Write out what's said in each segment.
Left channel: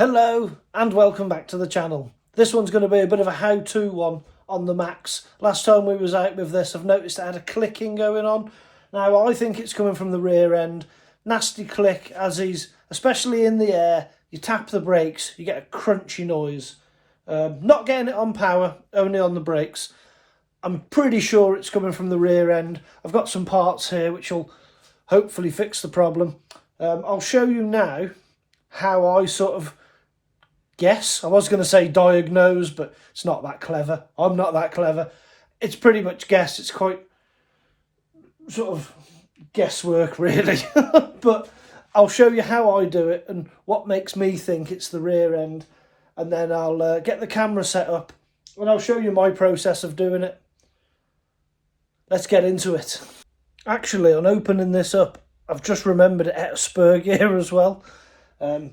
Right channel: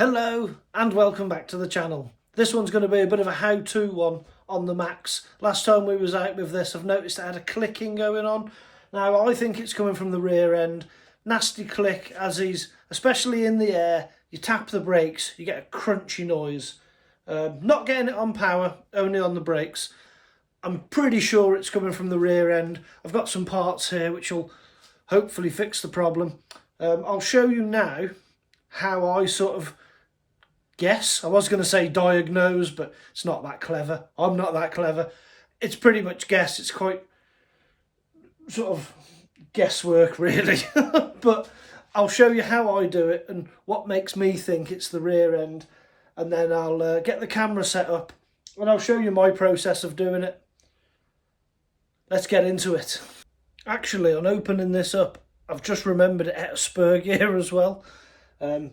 Hello and welcome back to the channel. This one's going to be a bit of a how-to one on the Maxx. Last time we was out with this, I've noticed it had a clicking going on. Now I think it's coming from the rear end. Nasty click as he's, especially in the air, you tap the brakes, you get a crunchy noise. Not getting it on power, only on the brakes. I'm pretty sure it's coming from the rear end. I've got some parts here which will hopefully fix the problem. I'll show you now how I sort of guess. I was going to say diagnose, but it's not that clever. I'm not that clever. It's pretty much guess. It's quite sort of guesswork, really. But I'll show you how I do it and what makes me think it's the rear end. And then I'll get the camera set up and I'll show you my process of doing it. Let's get into it. Actually, on opening this up, I've just remembered it had a spur gear as well.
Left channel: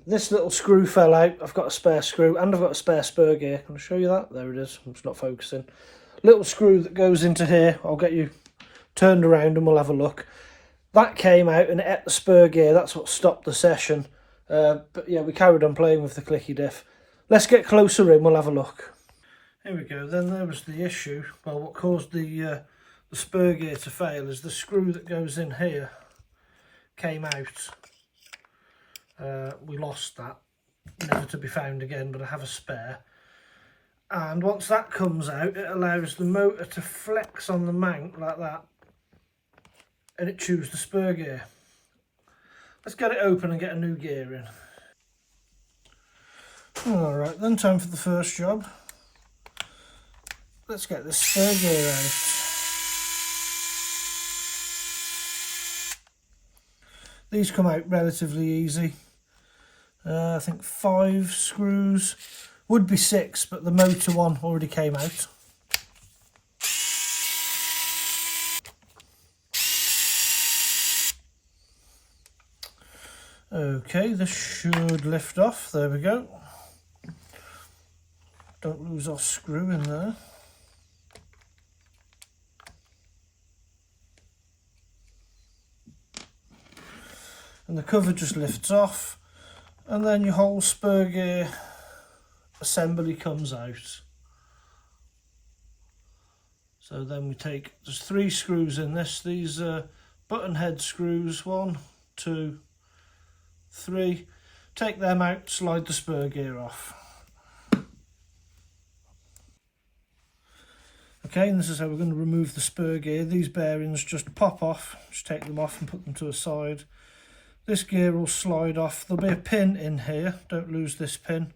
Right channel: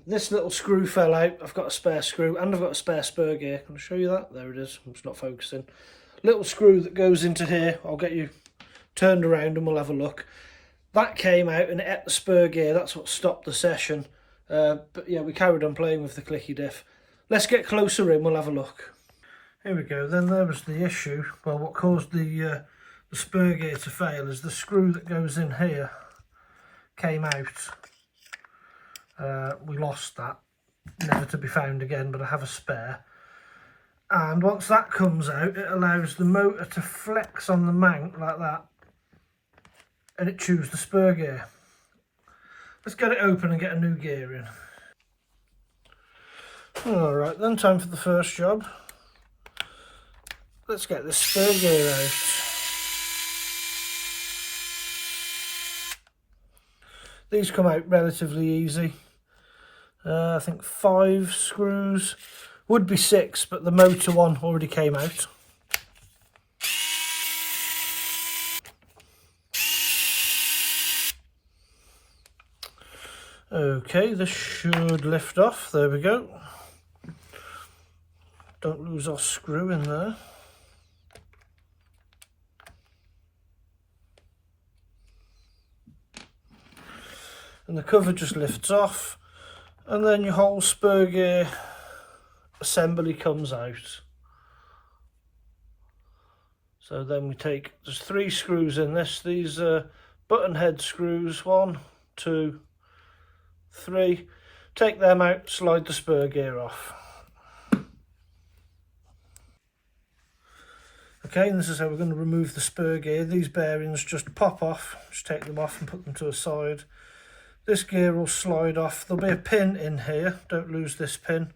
This little screw fell out. I've got a spare screw and I've got a spare spur gear. Can I show you that? There it is. It's not focusing. Little screw that goes into here. I'll get you turned around and we'll have a look. That came out and it ate the spur gear. That's what stopped the session. But yeah, we carried on playing with the clicky diff. Let's get closer in. We'll have a look. Here we go. Then there was the issue. Well, what caused the spur gear to fail is the screw that goes in here came out. We lost that, never to be found again, but I have a spare. And once that comes out, it allows the motor to flex on the mount like that, and it chews the spur gear. Let's get it open and get a new gear in. Alright then, time for the first job. Let's get this spur gear out. These come out relatively easy. I think 5 screws, would be 6, but the motor one already came out. Okay, this should lift off. There we go. Don't lose our screw in there. And the cover just lifts off, and then your whole spur gear assembly comes out. So then we take, there's 3 screws in this. These are button head screws, 1, 2, 3. Take them out, slide the spur gear off. Okay, and this is how we're going to remove the spur gear. These bearings just pop off, just take them off and put them to a side. This gear will slide off. There'll be a pin in here. Don't lose this pin.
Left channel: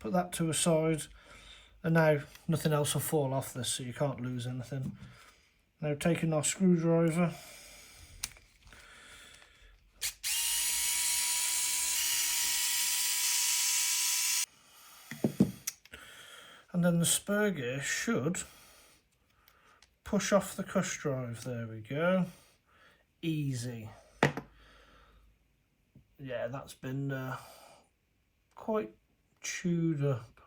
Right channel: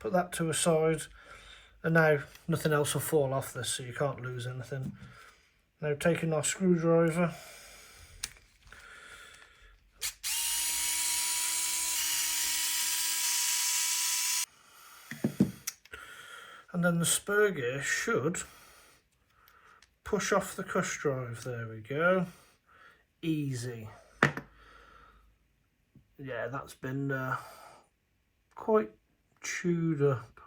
Put that to a side. And now nothing else will fall off this, so you can't lose anything. Now taking our screwdriver. And then the spur gear should push off the cush drive. There we go. Easy. Yeah, that's been quite chewed up.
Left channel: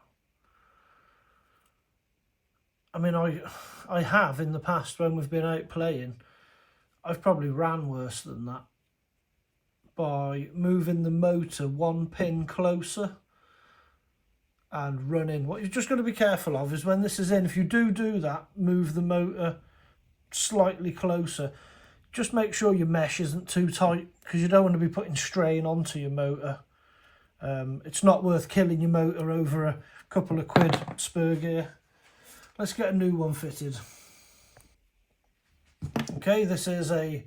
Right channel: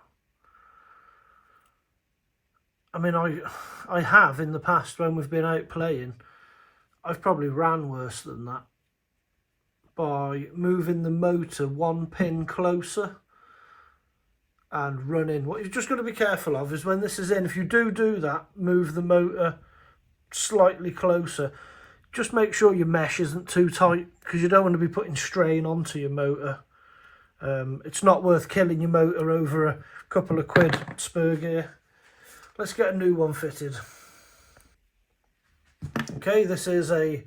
I mean, I have in the past when we've been out playing, I've probably ran worse than that by moving the motor 1 pin closer and running. What you've just got to be careful of is when this is in, if you do that, move the motor slightly closer. Just make sure your mesh isn't too tight, because you don't want to be putting strain onto your motor. It's not worth killing your motor over a couple of quid spur gear. Let's get a new one fitted. Okay, this is a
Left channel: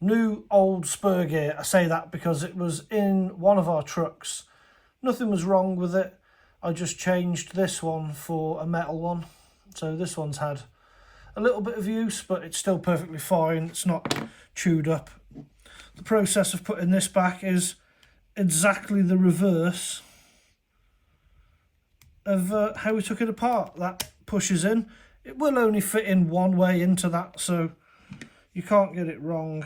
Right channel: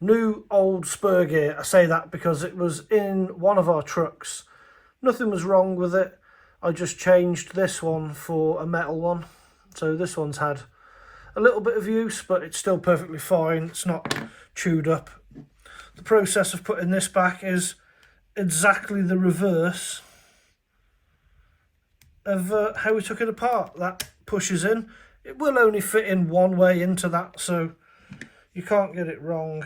new old spur gear. I say that because it was in one of our trucks. Nothing was wrong with it. I just changed this one for a metal one. So this one's had a little bit of use, but it's still perfectly fine. It's not chewed up. The process of putting this back is exactly the reverse of how we took it apart. That pushes in. It will only fit in one way into that, so you can't get it wrong.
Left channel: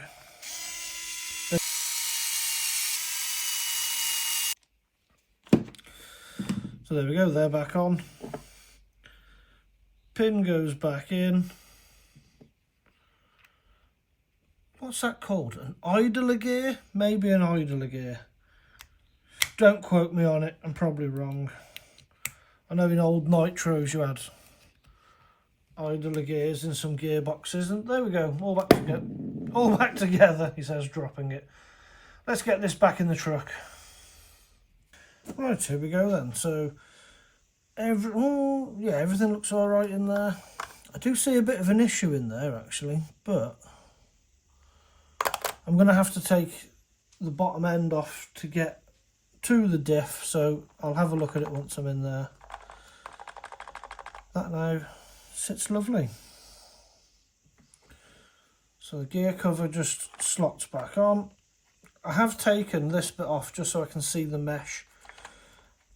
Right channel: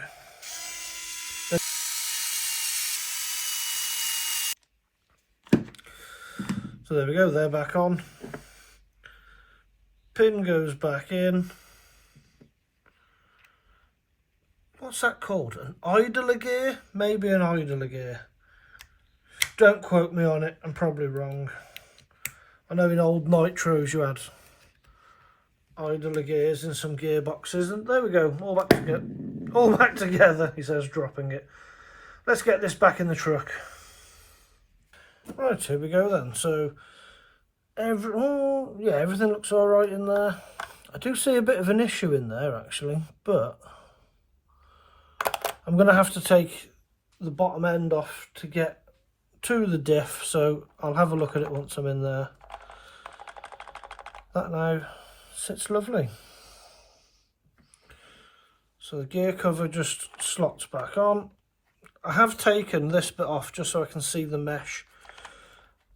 So there we go, they're back on. Pin goes back in. What's that called? An idler gear? Maybe an idler gear. Don't quote me on it, I'm probably wrong. I know in old nitros you had idler gears and some gearboxes, and there we go, all back together, he says, dropping it. Let's get this back in the truck. Right, here we go then. So, everything looks all right in there. I do see a bit of an issue in there actually, but I'm going to have to take the bottom end off to get to the diff, so I'll have a look at it once I'm in there. That now sits lovely. So the gear cover just slots back on. I have taken this bit off just so I can see the mesh.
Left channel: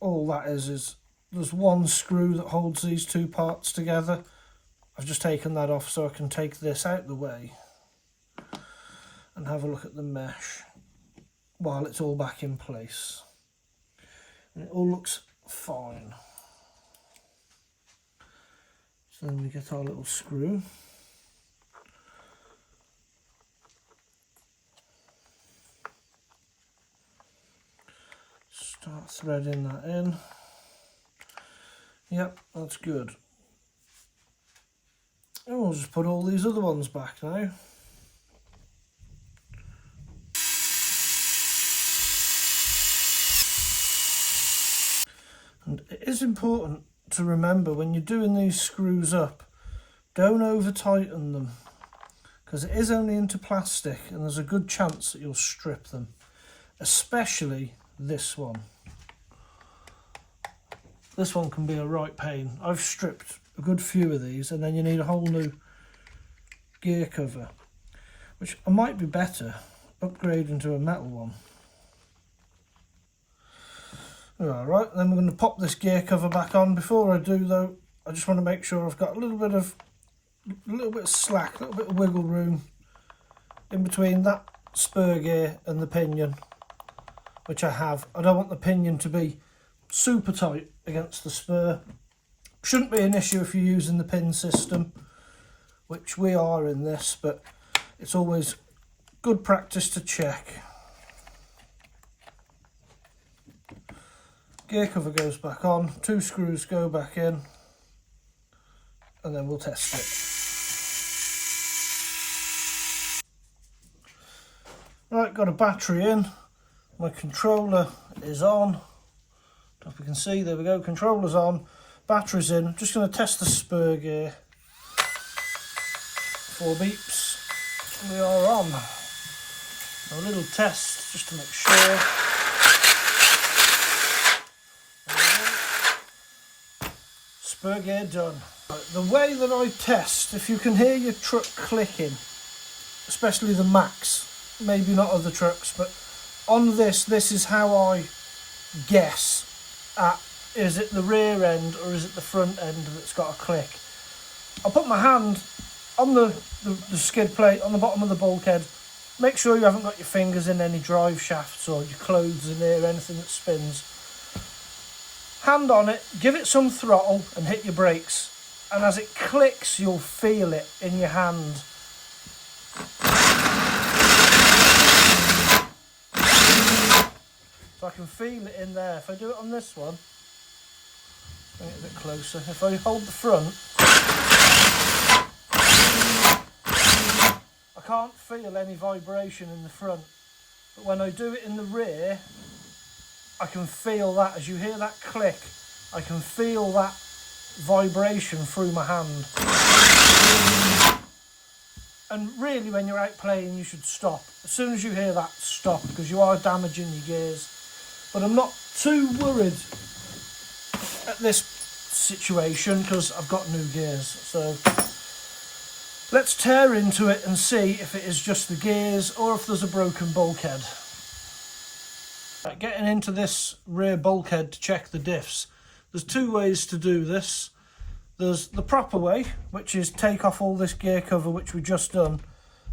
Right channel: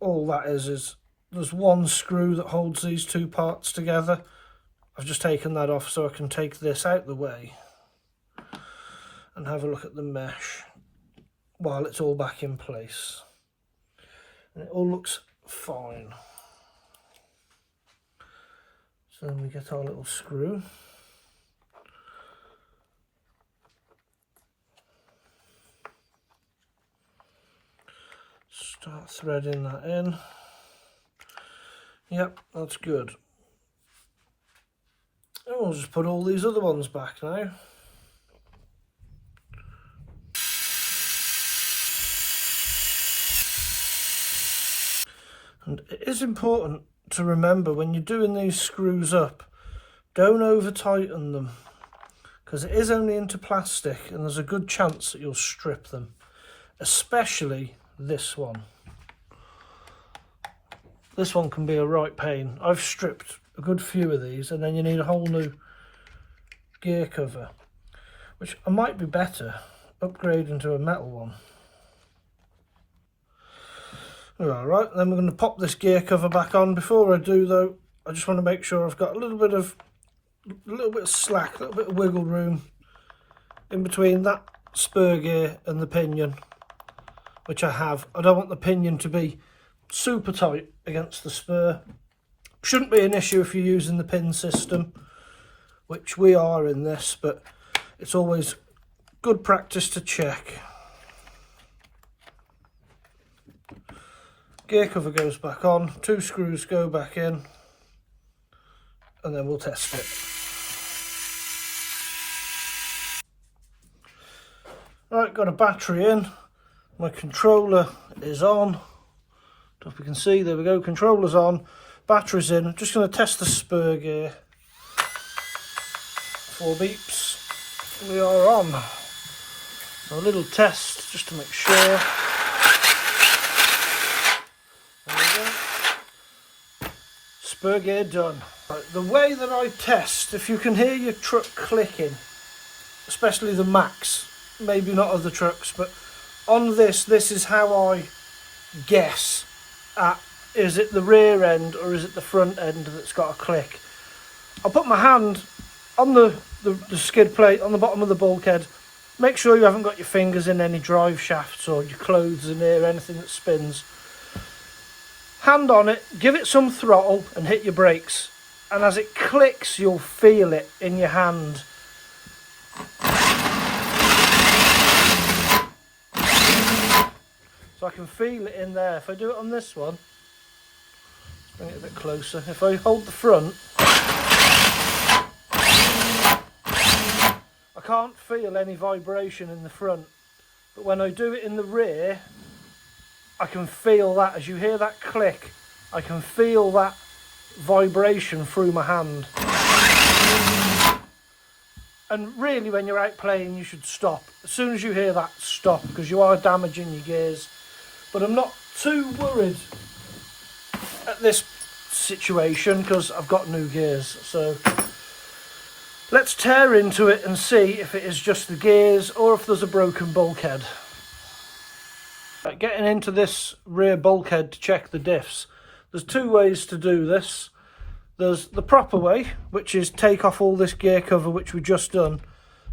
All that is there's one screw that holds these two parts together. I've just taken that off so I can take this out the way and have a look at the mesh while it's all back in place. And it all looks fine. So we get our little screw. Start threading that in. Yep, that's good. And we'll just put all these other ones back now. And it is important to remember when you're doing these screws up, don't over tighten them, because it is only into plastic and there's a good chance that you'll strip them, especially this one. This one can be a right pain. I've stripped a good few of these, and then you need a whole new gear cover, which I might be better upgrading to a metal one. Alright, then we're going to pop this gear cover back on. Before I do though, I just want to make sure I've got a little bit of slack, a little bit of wiggle room in between that spur gear and the pinion, which I have. I don't want the pinion to be super tight against the spur. Shouldn't be an issue if you're using the pin system, which we are in this, but it's always good practice to check. Gear cover goes back on, two screws go back in, and then we'll test it. Right, got a battery in, my controller is on. Don't know if you can see, there we go, controller's on, battery's in. I'm just going to test the spur gear. 4 beeps, we are on. A little test just to make sure. Spur gear done. The way that I test, if you can hear your truck clicking, especially the Maxx, maybe not other trucks, but on this is how I guess at, is it the rear end or is it the front end that's got a click. I'll put my hand on the skid plate on the bottom of the bulkhead. Make sure you haven't got your fingers in any drive shafts or your clothes in there, anything that spins. Hand on it, give it some throttle and hit your brakes, and as it clicks you'll feel it in your hand. So I can feel it in there. If I do it on this one, bring it a bit closer, if I hold the front, I can't feel any vibration in the front, but when I do it in the rear I can feel that. As you hear that click, I can feel that vibration through my hand. And really when you're out playing you should stop. As soon as you hear that, stop, because you are damaging your gears. But I'm not too worried at this situation because I've got new gears. So let's tear into it and see if it is just the gears or if there's a broken bulkhead. Right, getting into this rear bulkhead to check the diffs. There's two ways to do this. There's the proper way, which is take off all this gear cover which we just done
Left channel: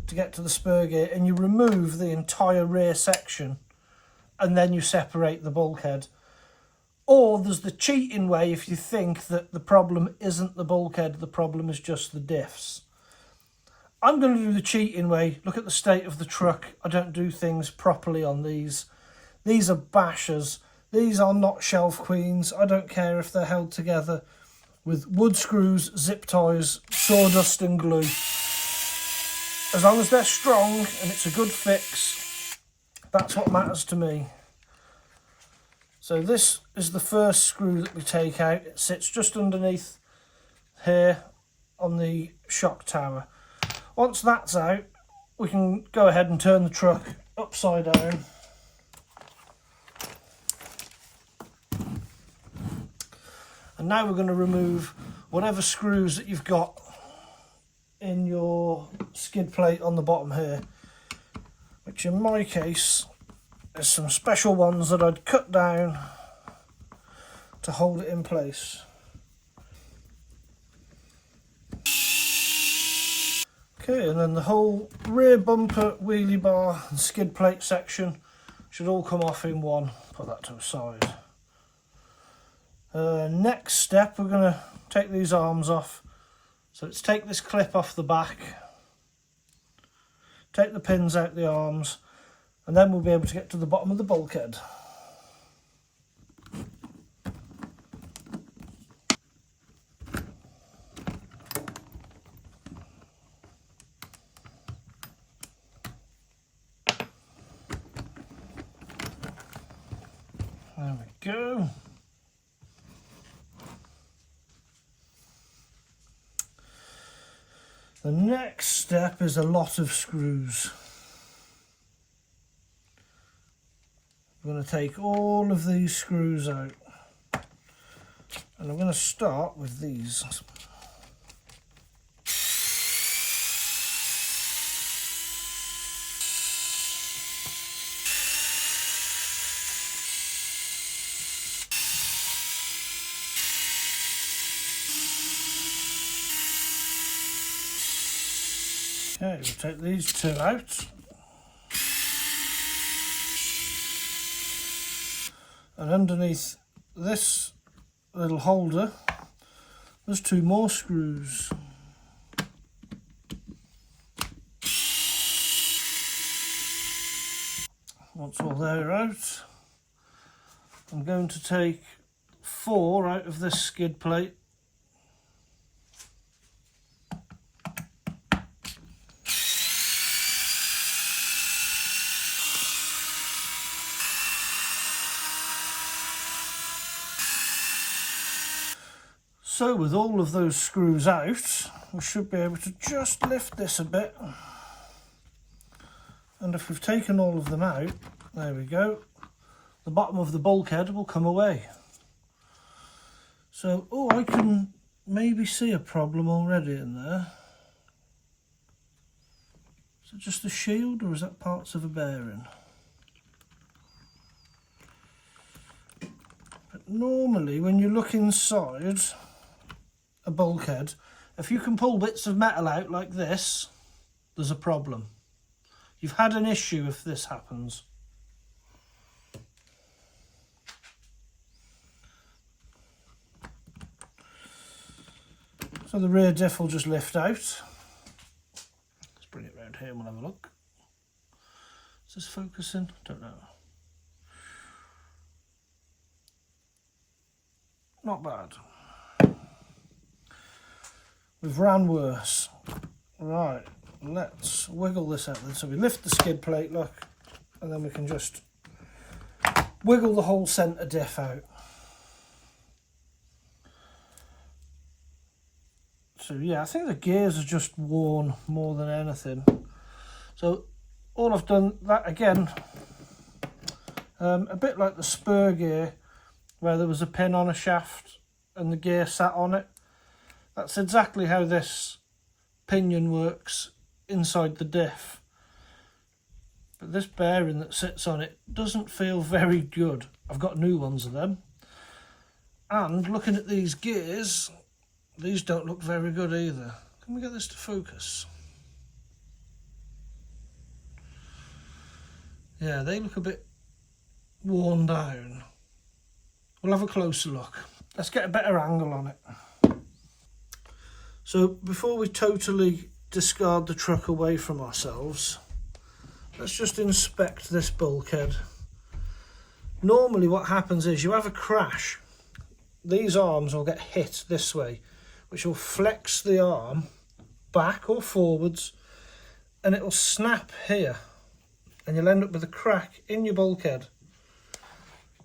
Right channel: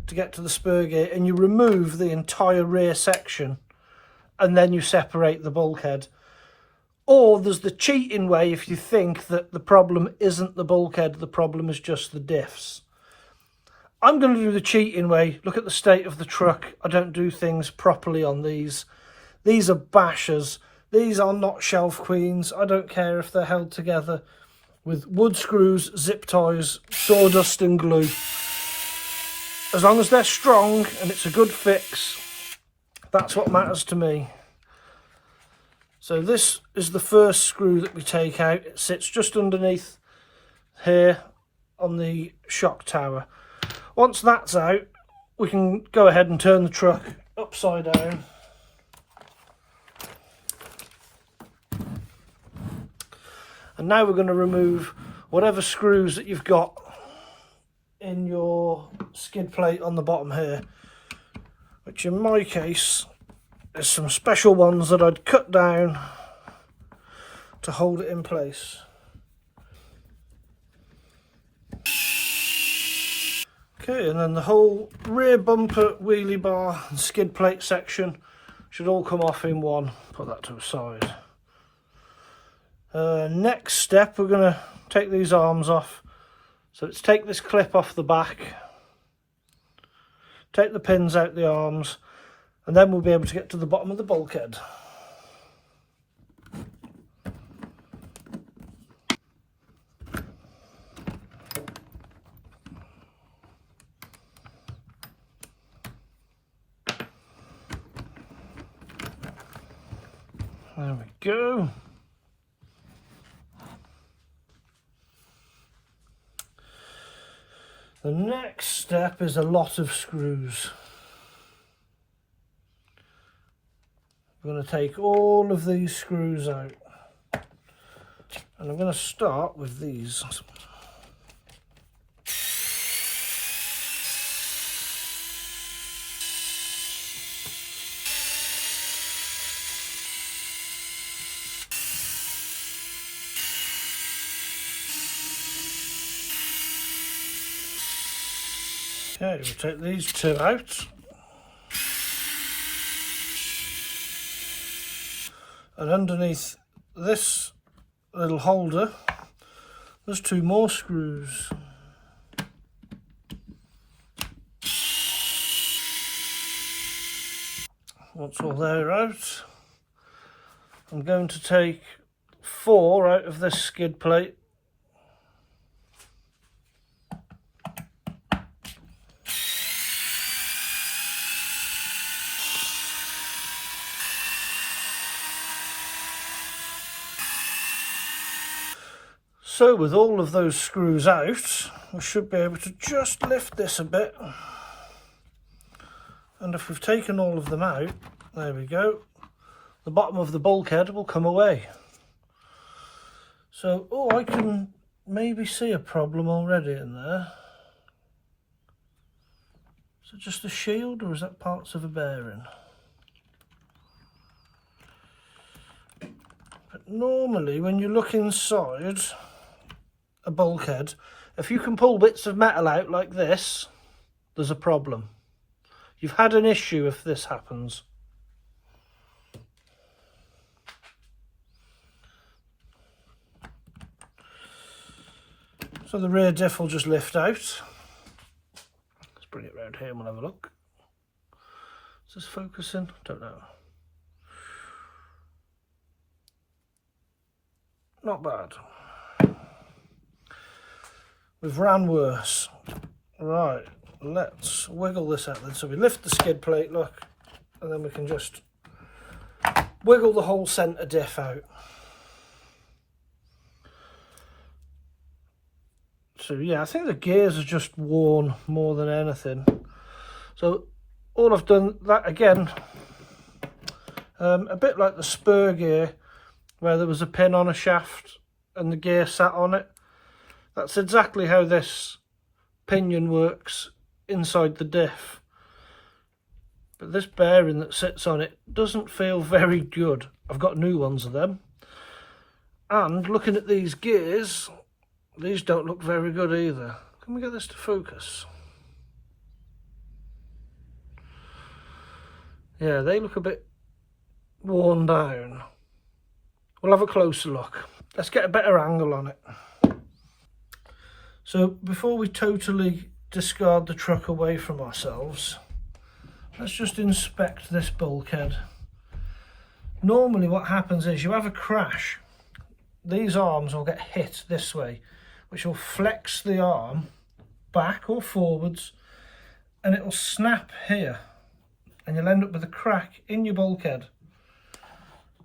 to get to the spur gear, and you remove the entire rear section and then you separate the bulkhead. Or there's the cheating way if you think that the problem isn't the bulkhead, the problem is just the diffs. I'm going to do the cheating way. Look at the state of the truck. I don't do things properly on these. These are bashers. These are not shelf queens. I don't care if they're held together with wood screws, zip ties, sawdust and glue. As long as they're strong and it's a good fix, that's what matters to me. So this is the first screw that we take out. It sits just underneath here on the shock tower. Once that's out, we can go ahead and turn the truck upside down. And now we're going to remove whatever screws that you've got in your skid plate on the bottom here, which in my case is some special ones that I'd cut down to hold it in place. Okay, and then the whole rear bumper, wheelie bar and skid plate section should all come off in one. Put that to the side. Next step, we're going to take these arms off. So let's take this clip off the back, take the pins out the arms, and then we'll be able to get to the bottom of the bulkhead. There we go. The next step is a lot of screws. I'm going to take all of these screws out, and I'm going to start with these. Okay, we'll take these two out. And underneath this little holder, there's two more screws. Once all they're out, I'm going to take 4 out of this skid plate. So with all of those screws out, we should be able to just lift this a bit. And if we've taken all of them out, there we go, the bottom of the bulkhead will come away. So, oh, I can maybe see a problem already in there. Is it just a shield or is that parts of a bearing? But normally when you look inside a bulkhead, if you can pull bits of metal out like this, there's a problem. You've had an issue if this happens. So the rear diff will just lift out. Let's bring it round here and we'll have a look. Is this focusing? Don't know. Not bad. We've ran worse. Right, let's wiggle this out then. So we lift the skid plate, look, and then we can just wiggle the whole centre diff out. So yeah, I think the gears are just worn more than anything. So all I've done, that again, a bit like the spur gear, where there was a pin on a shaft and the gear sat on it. That's exactly how this pinion works inside the diff. But this bearing that sits on it doesn't feel very good. I've got new ones of them. And looking at these gears, these don't look very good either. Can we get this to focus? Yeah, they look a bit worn down. We'll have a closer look. Let's get a better angle on it. So before we totally discard the truck away from ourselves, let's just inspect this bulkhead Normally what happens is you have a crash. These arms will get hit this way, which will flex the arm back or forwards, and it will snap here, and you'll end up with a crack in your bulkhead.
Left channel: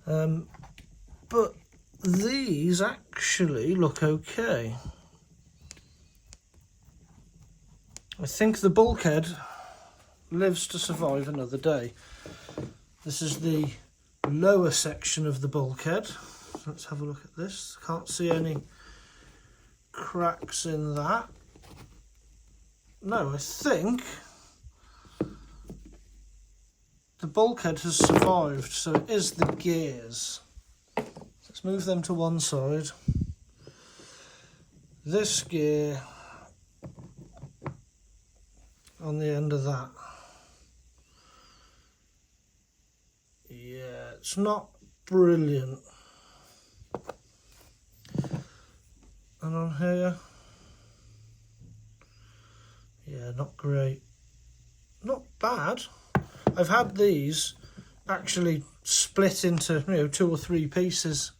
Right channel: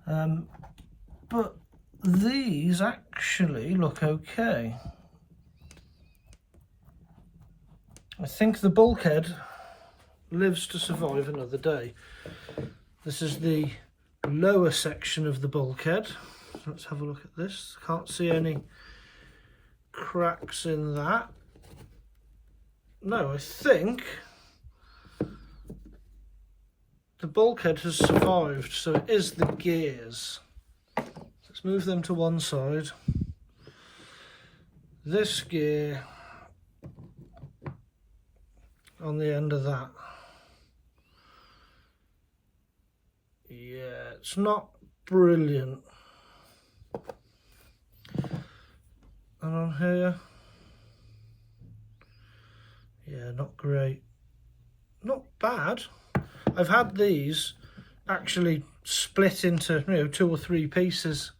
But these actually look okay. I think the bulkhead lives to survive another day. This is the lower section of the bulkhead. Let's have a look at this. Can't see any cracks in that. No, I think the bulkhead has survived, so it is the gears. Let's move them to one side. This gear on the end of that. Yeah, it's not brilliant. And on here, yeah, not great. Not bad. I've had these actually split into, 2 or 3 pieces.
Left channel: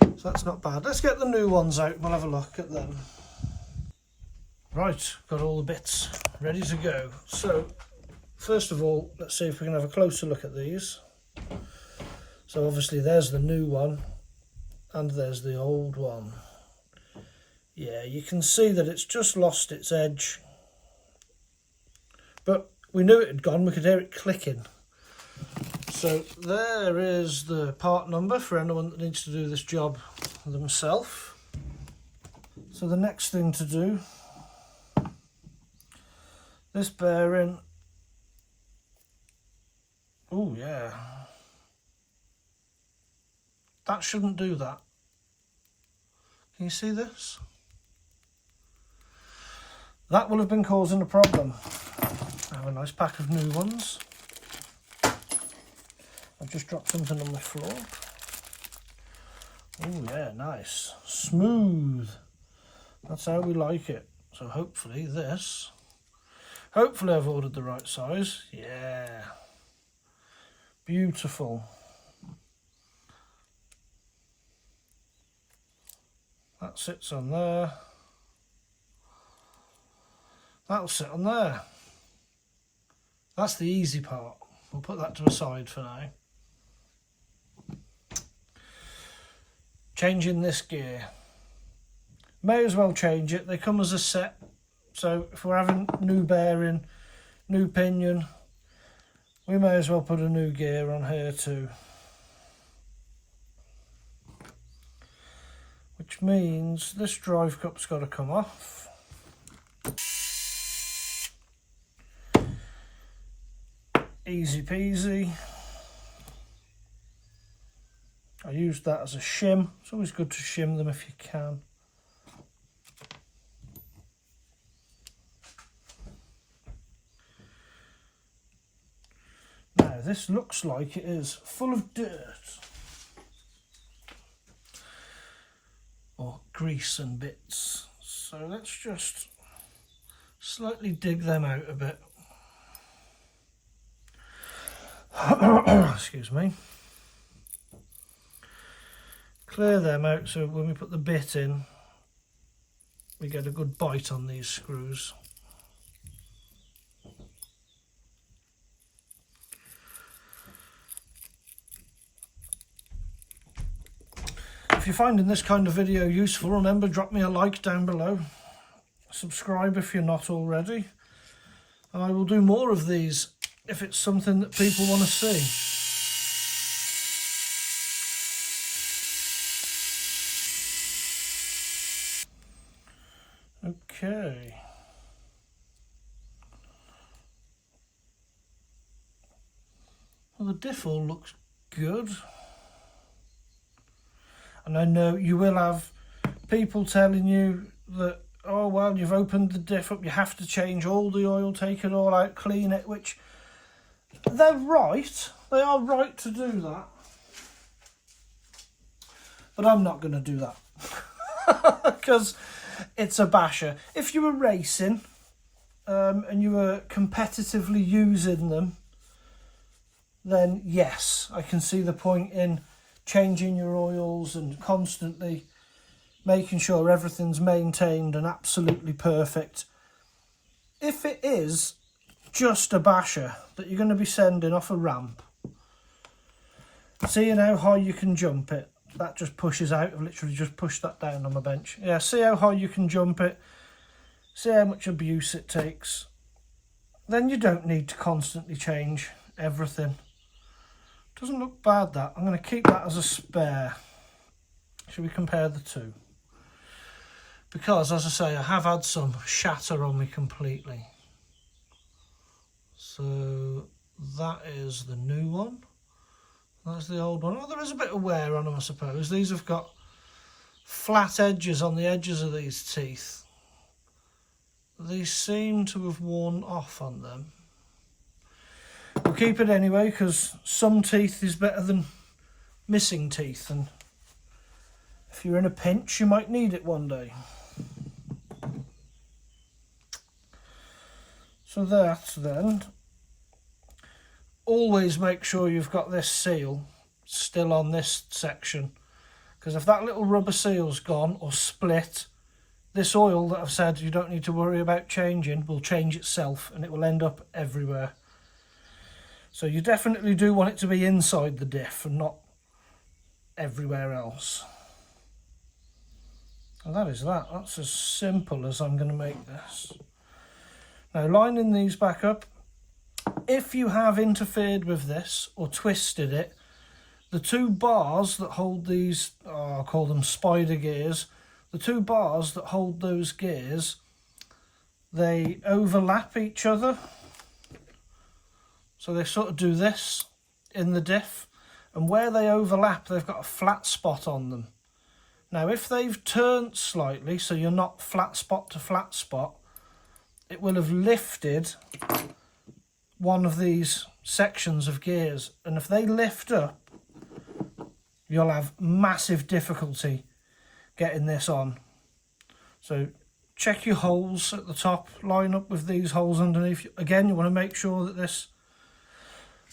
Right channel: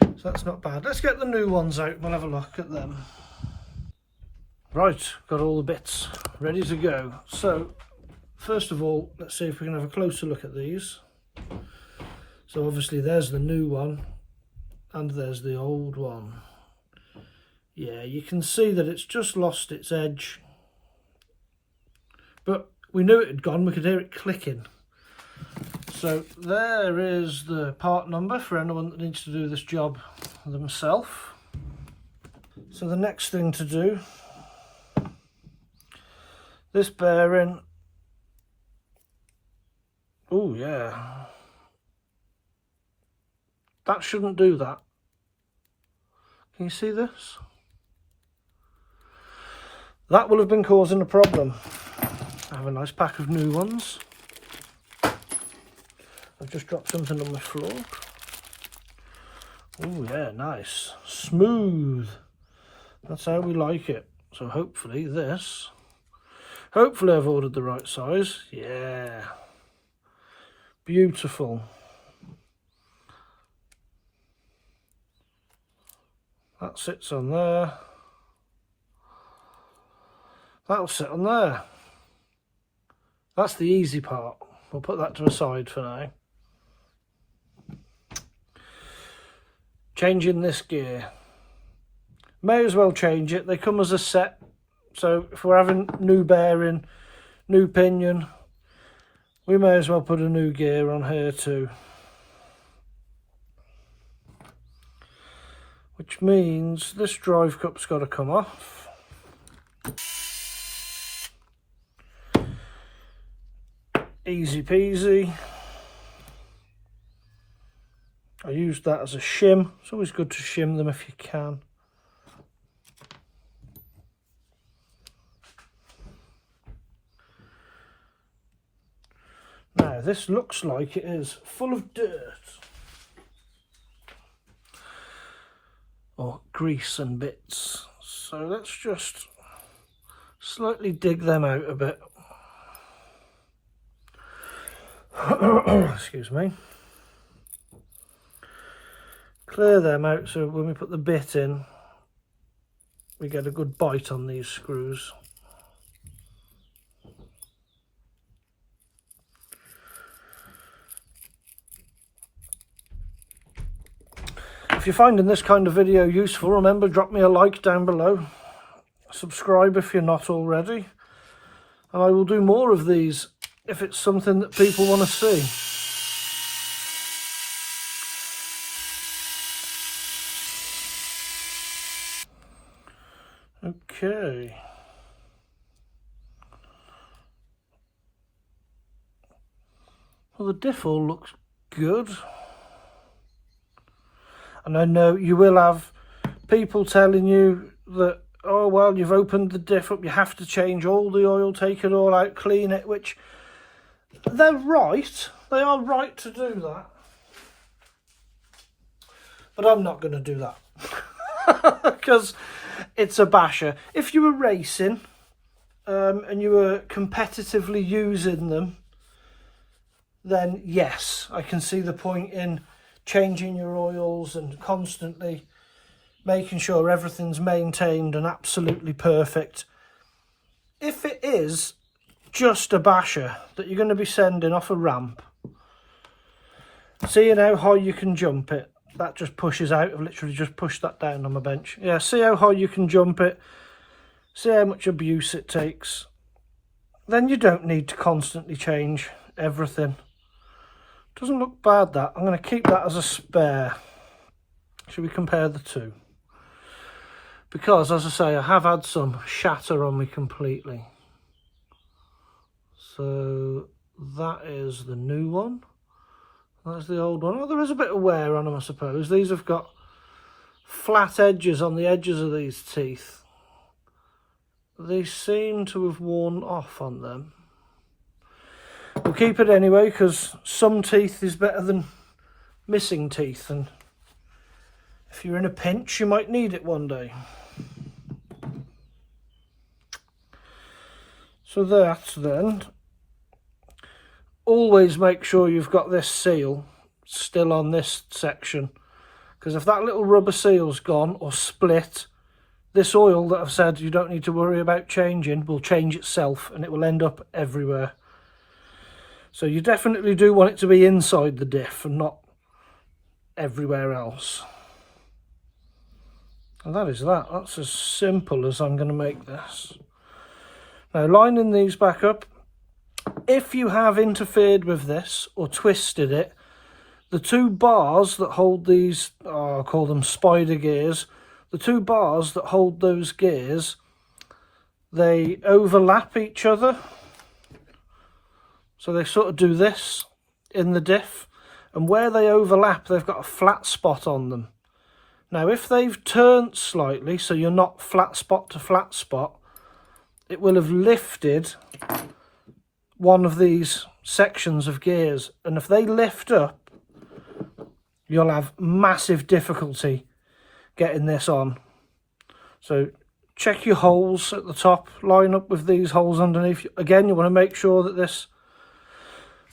So that's not bad. Let's get the new ones out and we'll have a look at them. Right, got all the bits ready to go. So, first of all, let's see if we can have a closer look at these. So obviously there's the new one and there's the old one. Yeah, you can see that it's just lost its edge. But we knew it had gone, we could hear it clicking. So there is the part number for anyone that needs to do this job themselves. So the next thing to do, this bearing, oh yeah, that shouldn't do that. Can you see this? That will have been causing a problem. I have a nice pack of new ones. I've just dropped something on the floor. Oh yeah, nice. Smooth. That's how we like it. So hopefully this, hopefully I've ordered the right size. Yeah. Beautiful. That sits on there. That'll sit on there. That's the easy part. We'll put that to a side for now. Changing this gear. May as well change it. They come as a set. So if we're having new bearing, new pinion, we may as well put a new gear on here too. Which means this drive cup's got to come off. Easy peasy. I used that as a shim. It's always good to shim them if you can. Now this looks like it is full of dirt. Or grease and bits. So let's just slightly dig them out a bit. Excuse me. Clear them out so when we put the bit in, we get a good bite on these screws. If you're finding this kind of video useful, remember, drop me a like down below. Subscribe if you're not already. And I will do more of these if it's something that people want to see. Okay. Well, the diff all looks good. And I know you will have people telling you that, oh, well, you've opened the diff up, you have to change all the oil, take it all out, clean it, which they're right. They are right to do that. But I'm not going to do that. Because it's a basher. If you were racing and you were competitively using them, then yes, I can see the point in changing your oils and constantly making sure everything's maintained and absolutely perfect. If it is just a basher that you're going to be sending off a ramp, seeing how high you can jump it, that just pushes out. I've literally just pushed that down on my bench. Yeah, see how high you can jump it, see how much abuse it takes. Then you don't need to constantly change everything. Doesn't look bad, that. I'm going to keep that as a spare. Should we compare the two? Because, as I say, I have had some shatter on me completely. So that is the new one. That's the old one. Oh, there is a bit of wear on them, I suppose. These have got flat edges on the edges of these teeth. These seem to have worn off on them. I'll keep it anyway, because some teeth is better than missing teeth, and if you're in a pinch you might need it one day. So that then, always make sure you've got this seal still on this section, because if that little rubber seal's gone or split, this oil that I've said you don't need to worry about changing will change itself and it will end up everywhere. So you definitely do want it to be inside the diff and not everywhere else. And that is that. That's as simple as I'm going to make this. Now, lining these back up, if you have interfered with this or twisted it, the two bars that hold these, I'll call them spider gears, the two bars that hold those gears, they overlap each other. So they sort of do this in the diff, and where they overlap they've got a flat spot on them. Now if they've turned slightly, so you're not flat spot to flat spot, it will have lifted one of these sections of gears, and if they lift up you'll have massive difficulty getting this on. So check your holes at the top, line up with these holes underneath. Again, you want to make sure that this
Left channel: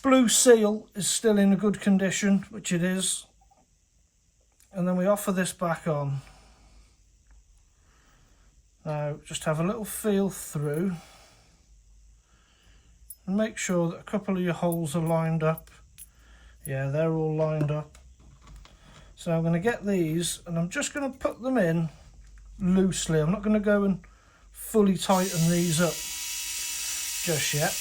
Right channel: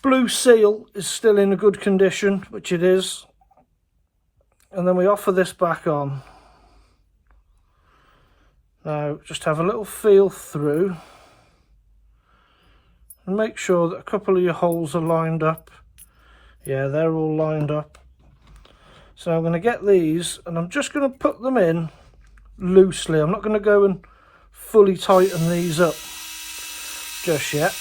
blue seal is still in a good condition, which it is, and then we offer this back on. Now just have a little feel through and make sure that a couple of your holes are lined up. Yeah, they're all lined up. So I'm going to get these and I'm just going to put them in loosely. I'm not going to go and fully tighten these up just yet.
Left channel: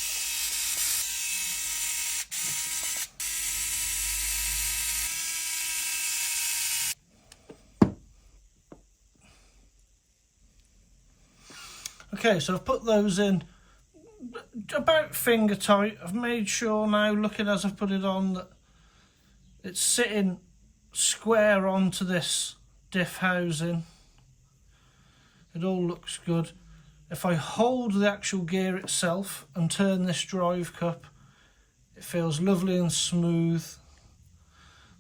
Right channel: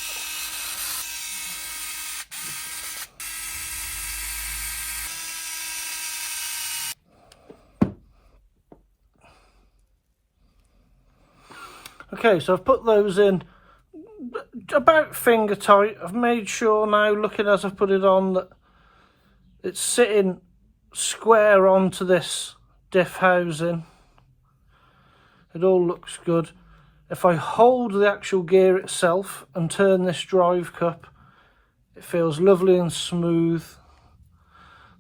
Okay, so I've put those in about finger tight. I've made sure now, looking as I've put it on, that it's sitting square onto this diff housing. It all looks good. If I hold the actual gear itself and turn this drive cup, it feels lovely and smooth.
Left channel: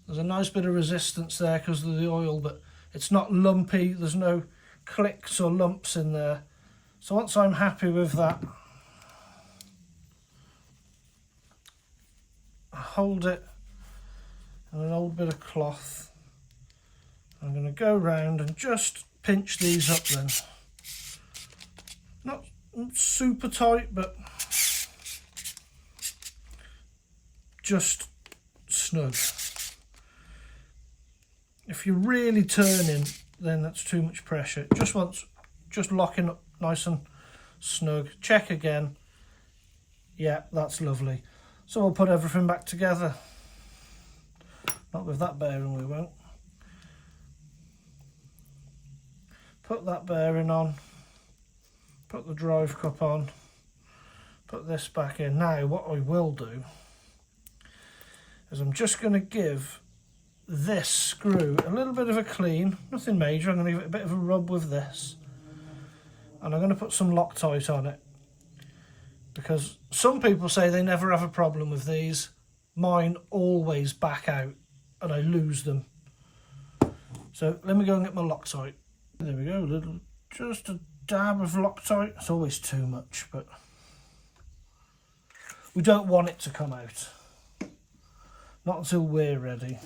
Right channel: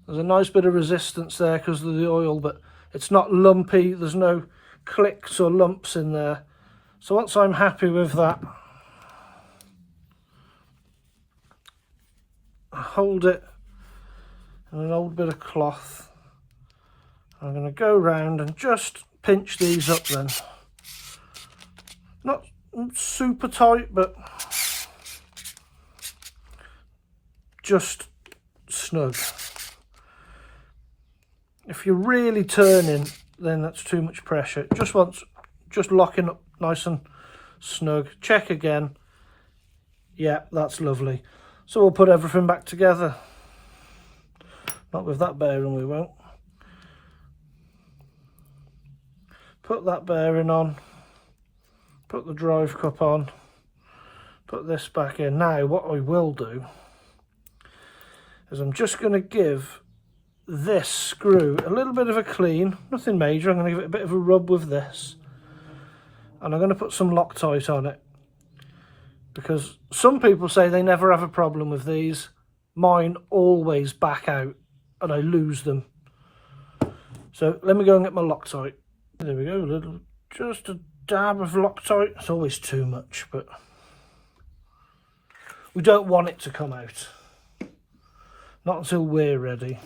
There's a nice bit of resistance there because of the oil, but it's not lumpy. There's no clicks or lumps in there. So once I'm happy with that, I hold it in an old bit of cloth. I'm going to go round and just pinch these up then. Not super tight, but just snug. If you're really turning, then that's too much pressure. It just wants just locking up nice and snug. Check again. Yeah, that's lovely. So we'll put everything back together. Not with that bearing, we won't. Put that bearing on. Put the drive cup on. Put this back in. Now what I will do is I'm just going to give this screw a little bit of a clean. Nothing major. I'm going to give it a bit of a rub with this. And I'm going to put some Loctite on it, because some people say they never have a problem with these. Mine always back out and I lose them. So let me go and get my Loctite. There we go, just a dab of Loctite. It's always too much, but we don't want it to come out. not until we're ready.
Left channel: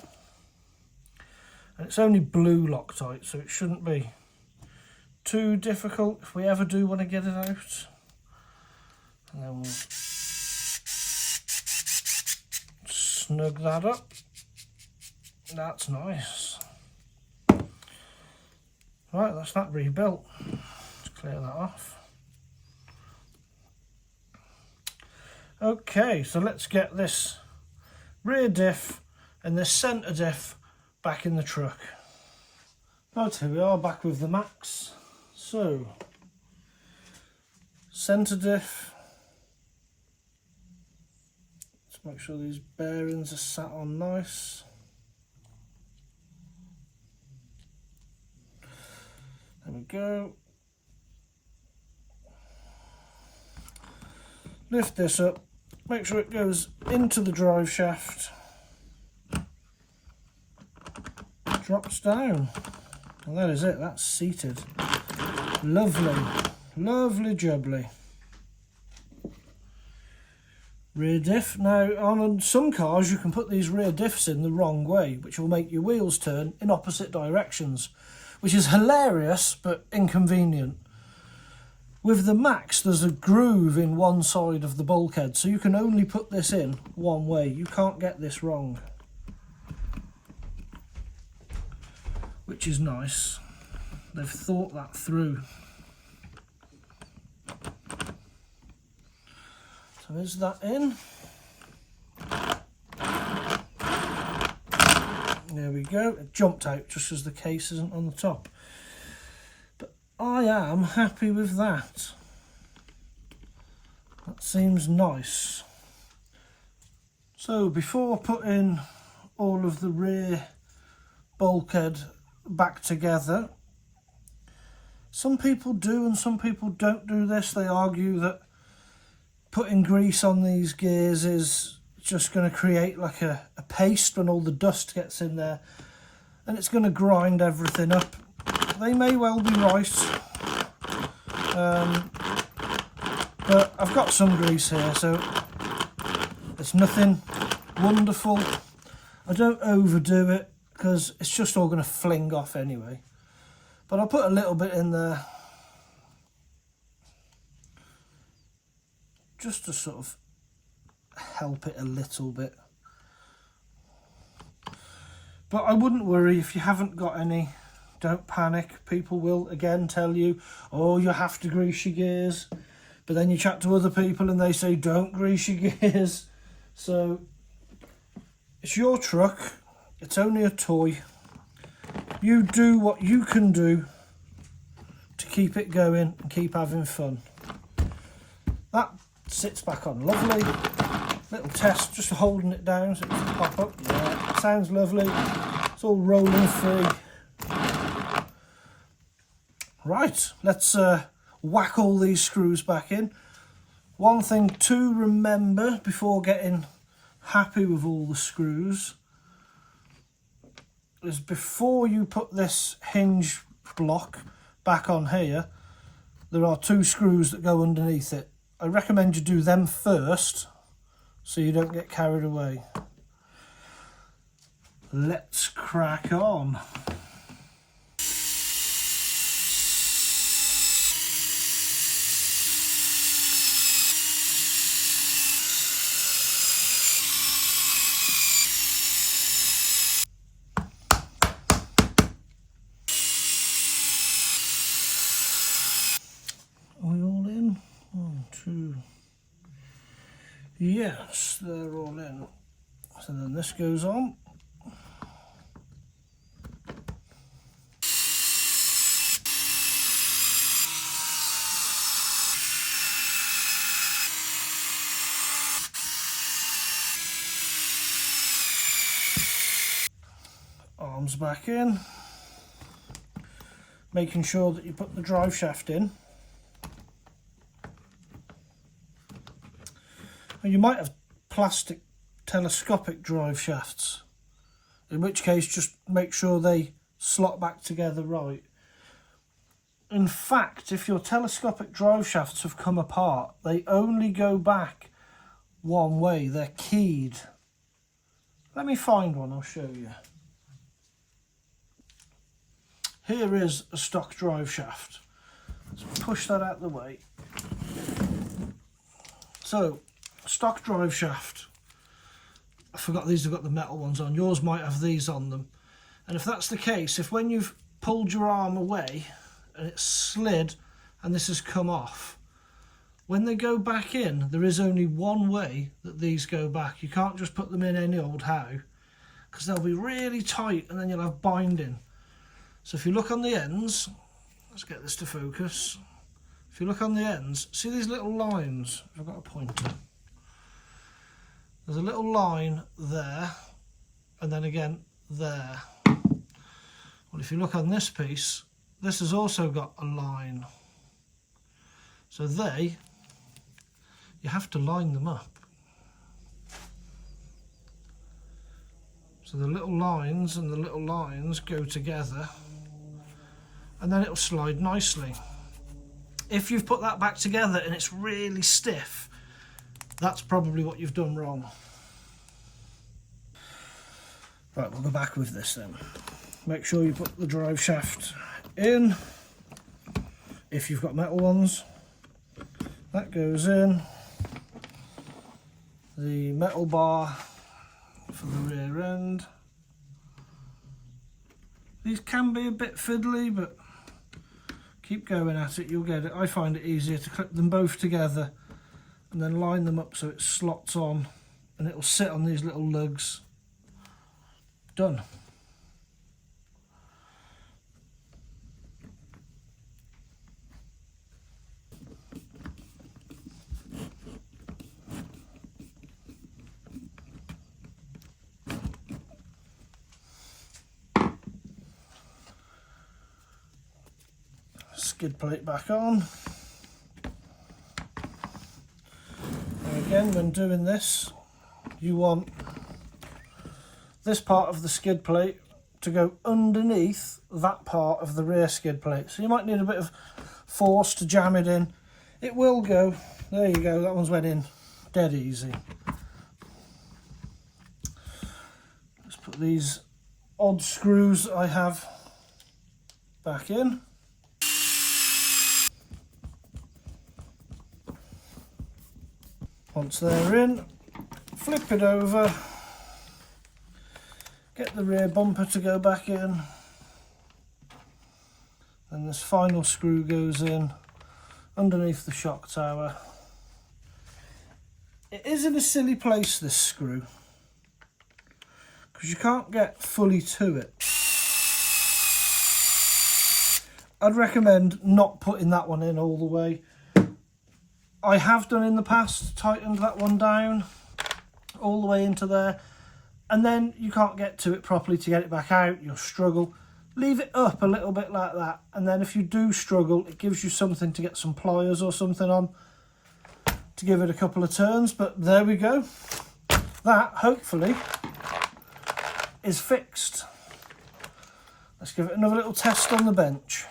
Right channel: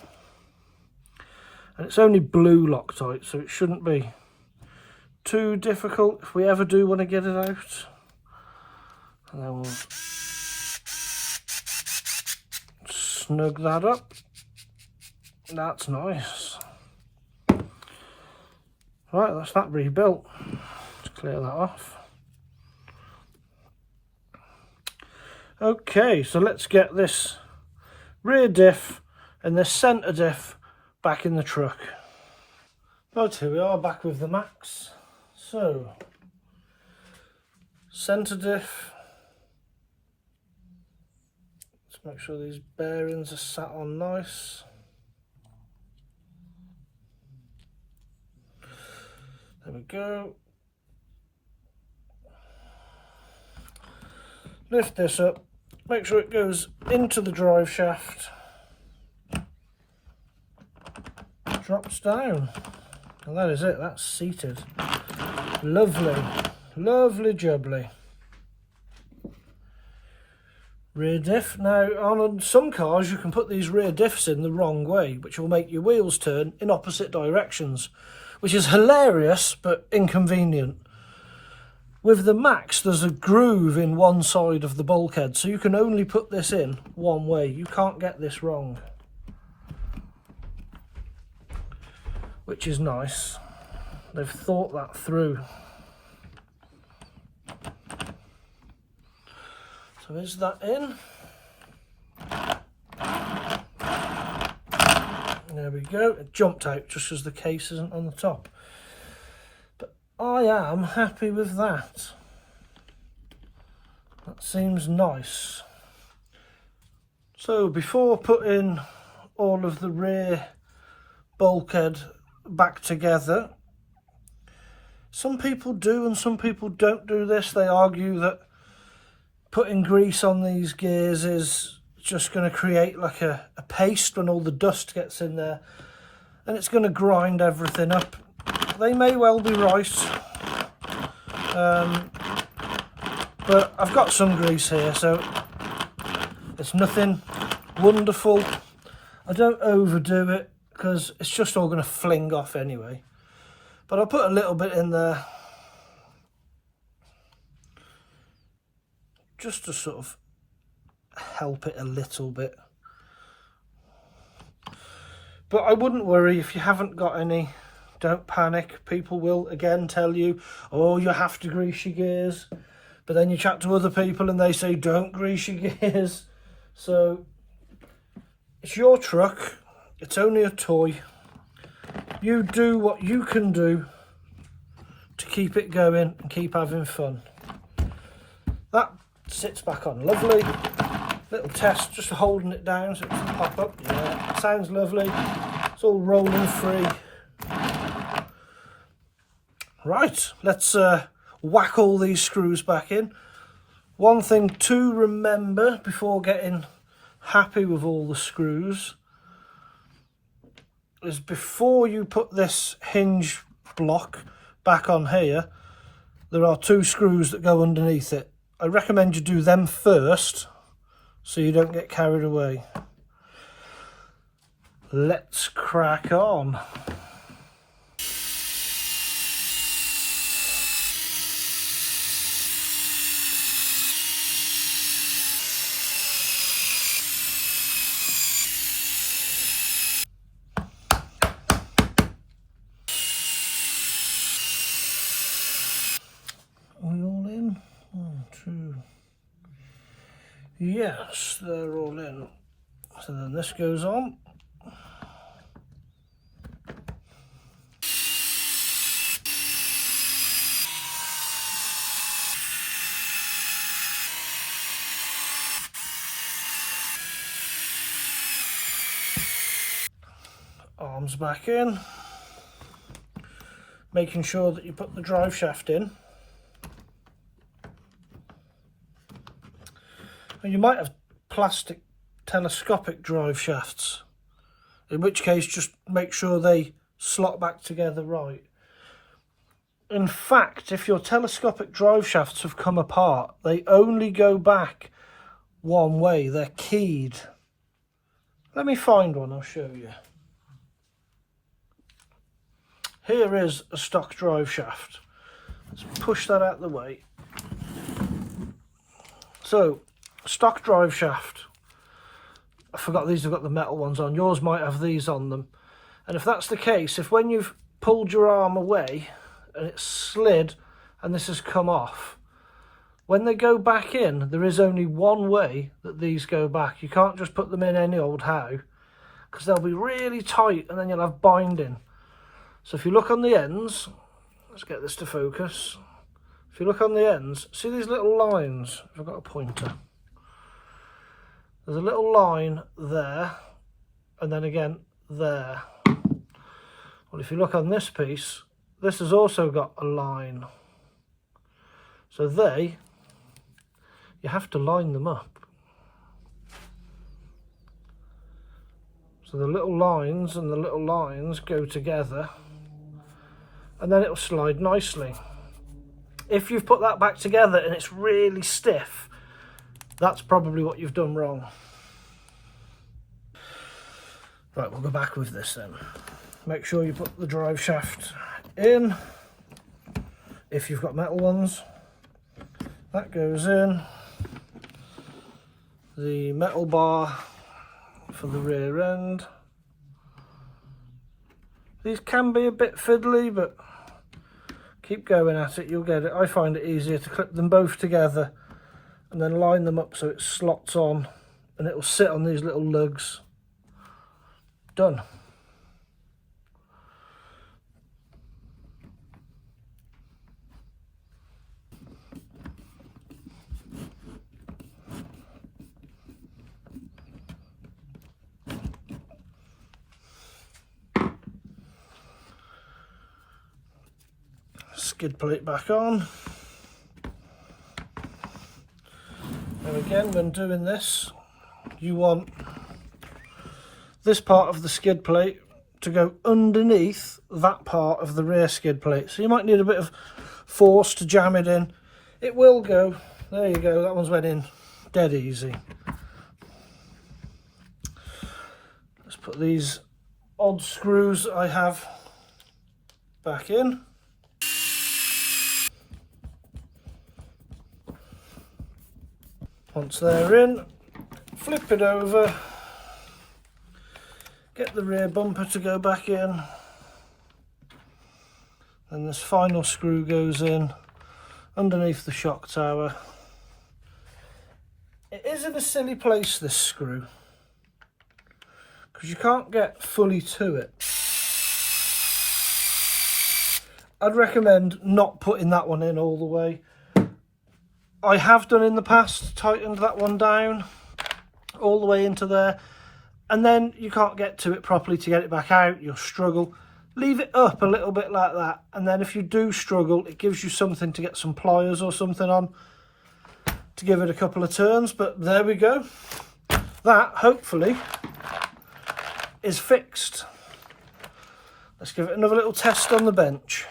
And it's only blue Loctite, so it shouldn't be too difficult if we ever do want to get it out. And then we'll snug that up. That's nice. Right, that's that rebuilt. Let's clear that off. Okay, so let's get this rear diff and this centre diff back in the truck. Right, here we are back with the Maxx. So, centre diff. Let's make sure these bearings are sat on nice. There we go. Lift this up, make sure it goes into the drive shaft, drops down, and that is it, that's seated. Lovely, lovely jubbly. Rear diff. Now on some cars you can put these rear diffs in the wrong way, which will make your wheels turn in opposite directions, which is hilarious but inconvenient. With the Maxx, there's a groove in one side of the bulkhead, so you can only put this in one way. You can't get this wrong, which is nice. They've thought that through. So is that in? There we go. It jumped out just as the case isn't on the top. I am happy with that. That seems nice. So before putting all of the rear bulkhead back together, some people do and some people don't do this. They argue that putting grease on these gears is just going to create like a paste when all the dust gets in there, and it's going to grind everything up. They may well be right, but I've got some grease here, so it's nothing wonderful. I don't overdo it because it's just all going to fling off anyway, but I'll put a little bit in there just to sort of help it a little bit. But I wouldn't worry if you haven't got any. Don't panic. People will again tell you, oh, you have to grease your gears, but then you chat to other people and they say don't grease your gears. So it's your truck, it's only a toy. You do what you can do to keep it going and keep having fun. That sits back on lovely. Little test, just holding it down so it doesn't pop up. Yeah, it sounds lovely. It's all rolling free. Right, let's whack all these screws back in. One thing to remember before getting happy with all the screws is before you put this hinge block back on here, there are 2 screws that go underneath it. I recommend you do them first so you don't get carried away. Let's crack on. Yes, they're all in. So then this goes on. Arms back in. Making sure that you put the drive shaft in. And you might have plastic telescopic drive shafts, in which case just make sure they slot back together right. In fact, if your telescopic drive shafts have come apart, they only go back one way. They're keyed Let me find one, I'll show you. Here is a stock drive shaft. Let's push that out of the way. So, stock drive shaft. I forgot these have got the metal ones on. Yours might have these on them. And if that's the case, if when you've pulled your arm away and it's slid and this has come off, when they go back in, there is only one way that these go back. You can't just put them in any old how, because they'll be really tight and then you'll have binding. So if you look on the ends, let's get this to focus. If you look on the ends, see these little lines? I've got a pointer. There's a little line there, and then again there. Well, if you look on this piece, this has also got a line. So you have to line them up. So the little lines and the little lines go together, and then it'll slide nicely. If you've put that back together and it's really stiff, that's probably what you've done wrong. Right, we'll go back with this then. Make sure you put the drive shaft in, if you've got metal ones. That goes in. The metal bar for the rear end. These can be a bit fiddly, but keep going at it, you'll get it. I find it easier to clip them both together and then line them up so it slots on and it will sit on these little lugs. Done. Skid plate back on. And again, when doing this, you want this part of the skid plate to go underneath that part of the rear skid plate. So you might need a bit of force to jam it in. It will go. There you go, that one's went in dead easy. Let's put these odd screws I have back in. Once they're in, flip it over, get the rear bumper to go back in, then this final screw goes in underneath the shock tower. It is in a silly place, this screw, because you can't get fully to it. I'd recommend not putting that one in all the way. I have done in the past, tightened that one down all the way into there, and then you can't get to it properly to get it back out, you'll struggle. Leave it up a little bit like that, and then if you do struggle, it gives you something to get some pliers or something on to give it a couple of turns. But there we go. That, hopefully, is fixed. Let's give it another little test on the bench.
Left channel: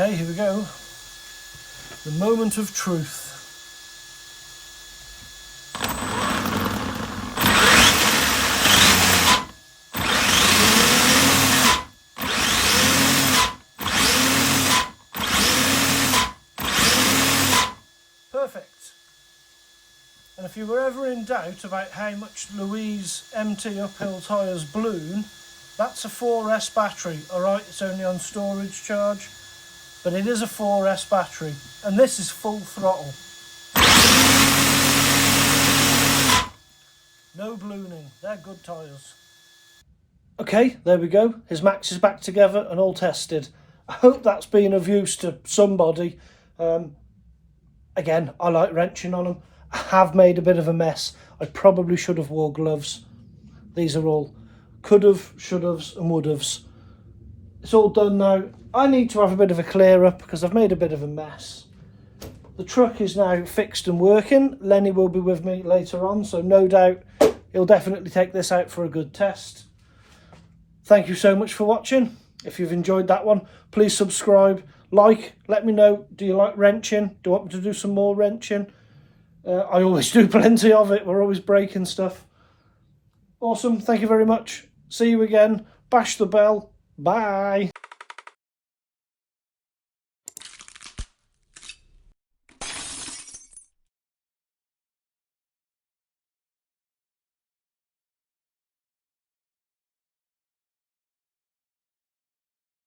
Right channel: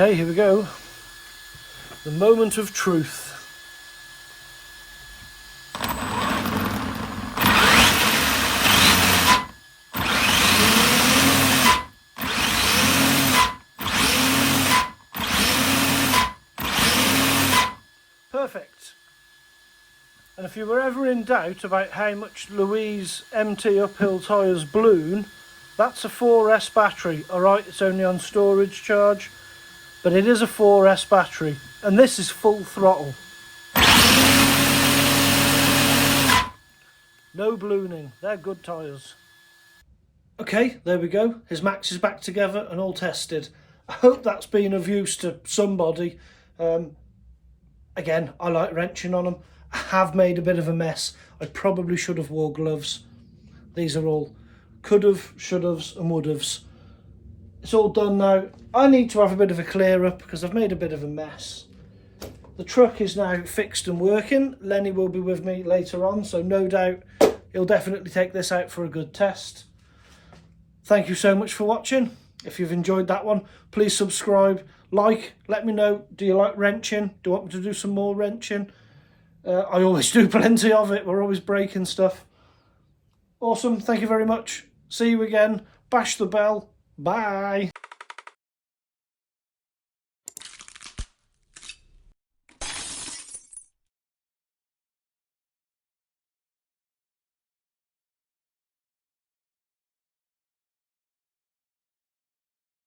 Okay, here we go. The moment of truth. Perfect. And if you were ever in doubt about how much Louise MT uphill tyres balloon, that's a 4S battery. Alright, it's only on storage charge. But it is a 4S battery, and this is full throttle. No ballooning, they're good tyres. Okay, there we go. His Maxx is back together and all tested. I hope that's been of use to somebody. Again, I like wrenching on them. I have made a bit of a mess. I probably should have wore gloves. These are all could have, should haves and would haves. it's all done now. I need to have a bit of a clear up because I've made a bit of a mess. The truck is now fixed and working. Lenny will be with me later on, so no doubt he'll definitely take this out for a good test. Thank you so much for watching. If you've enjoyed that one, please subscribe, like, let me know, do you like wrenching? Do you want me to do some more wrenching? I always do plenty of it. We're always breaking stuff. Awesome. Thank you very much. See you again. Bash the bell. Bye.